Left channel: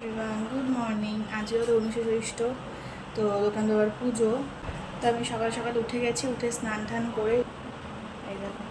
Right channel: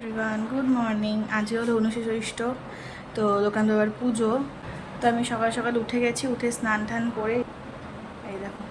Everyone good morning আজকে হলো উনশে জ্যৈষ্ঠ তো দোকান দেওয়ার পুজো। তো আমি সকাল সকাল উঠে গেছি, উঠে স্নান টান করে এই দেখো,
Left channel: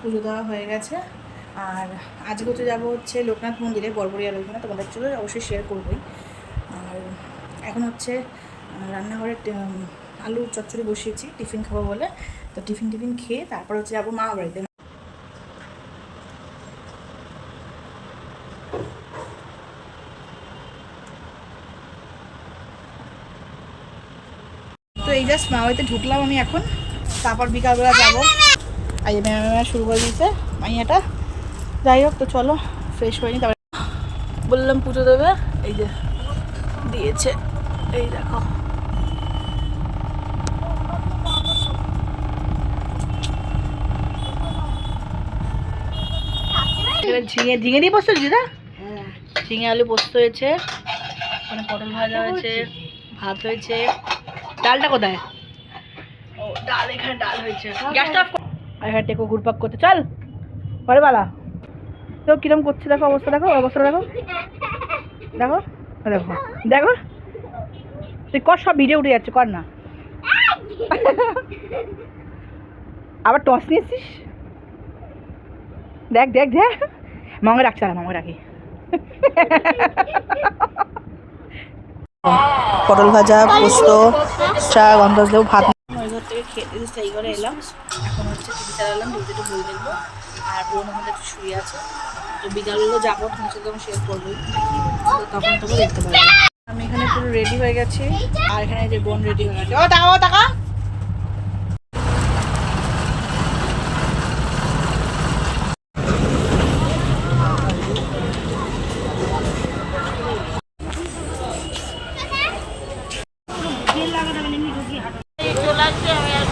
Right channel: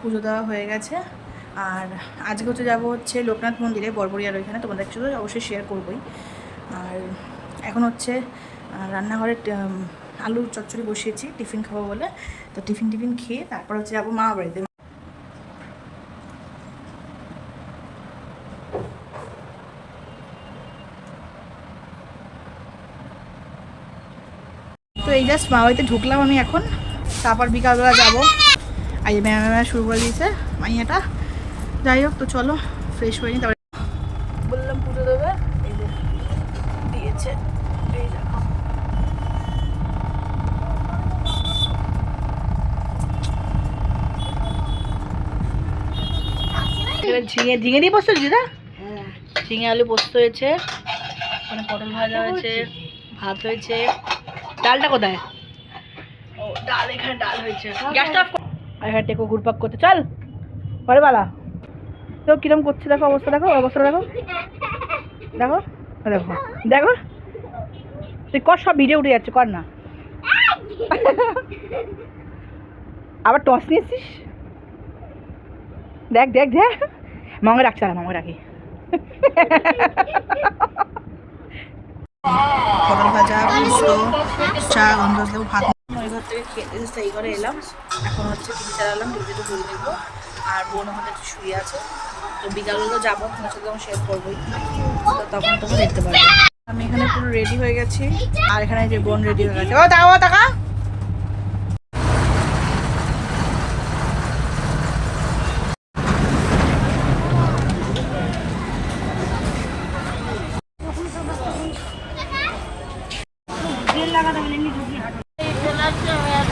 পুজো দেওয়া হয়ে গেছে। আর আজকে হচ্ছে যাব হচ্ছে লোকনাথ মন্দিরে, বরবরিয়ার ওইখানে। তোমাদের সাথে অবশ্যই শেয়ার করবোই। আর এখন হচ্ছে রান্নাঘরে আলুর চচ্চড়ি বসিয়েছি, টিফিন খাব বলে। তো টিফিন টিফিন খেয়ে তারপর হচ্ছে যাব মা বাড়িতে। তো এই জাস্ট মা বাড়িতে ঢুকলাম আমি এখন। তারপর বিকালবেলা যাব। আর এই ম্যাম শুরু করে দিয়েছে মাইয়াটা। যাই হোক তো চলো ফ্রেশ হয়ে নি তারপরে বললাম পুজো দেবে এই যে দিয়েছে। এই দেখো। ঝিঙে ঝিঙে দিয়ে পোস্ত দিদা? ঝিঙে আলু পোস্ত হয়েছে ওখানে পটল ভাজা হয়েছে ভাত হয়েছে। ডালটা কোথায়? ও ডাল এখানে ডাল হয়েছে। গ্যাসটা অফ আর এখানে টেকো ঘুরপাক করতে চল। পরে বালা তো কিরম করছে দেখো অবস্থা দেখো অবস্থা দেখো। দেখো দেখো দেখো। তুই কর সব ভিডিও উঠে যাচ্ছে কর না। আবার টস নিয়েছিস? দেখ দেখ দেখ। রাখছে না মঙ্গে রাখি পটল ভাজা, পোস্ত, চা গন্ধ দেবো ভাত ওই ঘর থেকে খেতে এসে এই ঘরে এলাম। এখন হচ্ছে টিভি চালালাম টিভিতে বই দেখব। আর বোন ওখানে একটু শুয়ে আছে। তো বিকালগুলো যাব তোমার সাথে তখন শেয়ার করবোই। তো তখন তোমরা দেখতে পারবে। আমি এখানে পুরো রেডি হয়ে গেছি। আর এখানে যে বোন রেডি হয়ে গেছে। ও, দাও টাকা।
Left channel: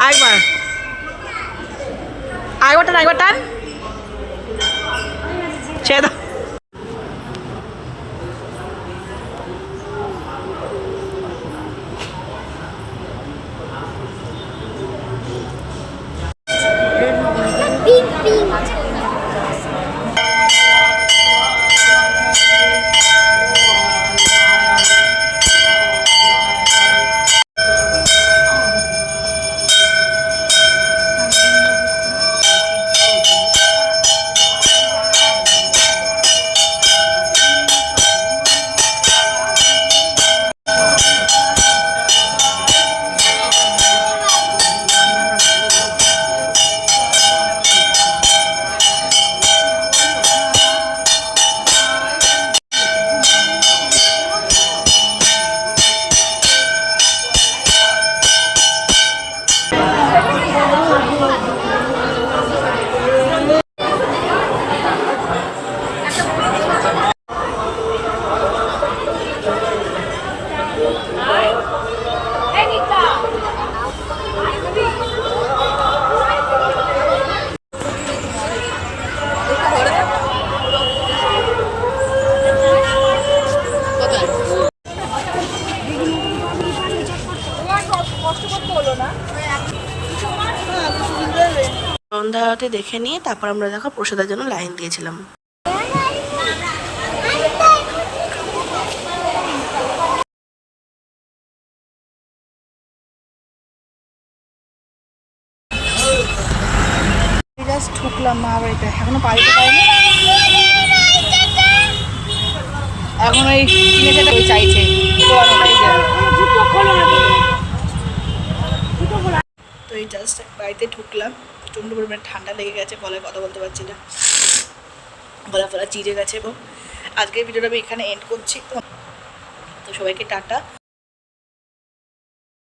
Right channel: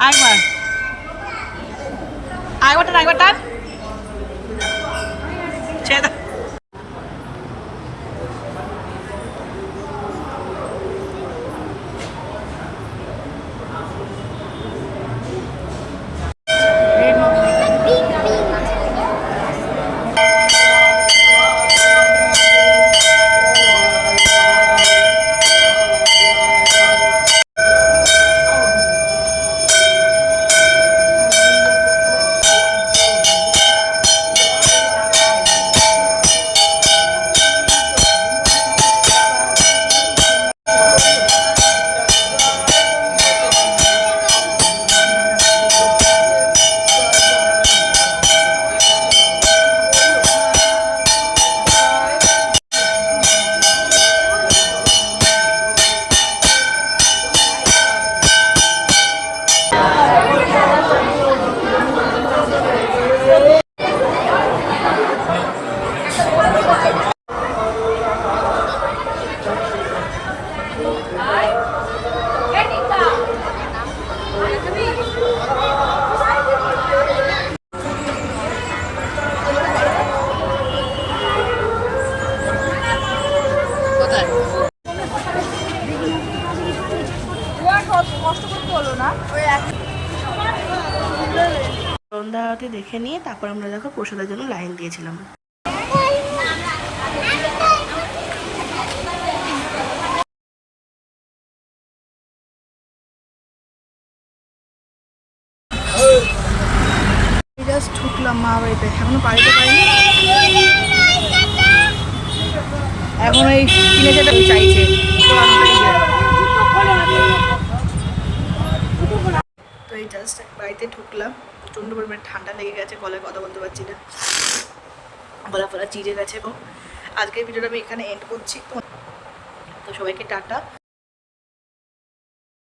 আরেকবার। আরেকবার টান আরেকবার টান ছেড়ে সন্ধ্যা আরতি দেখে নিয়ে তারপর আমরা দেখো প্রসাদের জন্য লাইন দিয়েছিলাম। জাস্ট ঢুকলাম মা বাড়িতে এখনও বাড়িতে পাইনি। এখন ওই কিনে ওই চাইছে পুরানোটাই যে তো এই জাস্ট বাড়িতে ঢুকলাম, প্রচণ্ড পরিমাণে ঠান্ডা লেগে গেছে, গলায় কথা বলতে পারছি না। গলা ফলা চিড়ে গেছে এবং আজকের ভিডিওটা আমি এখানে এন্ড করছি। তো তো সবাইকে টাটা।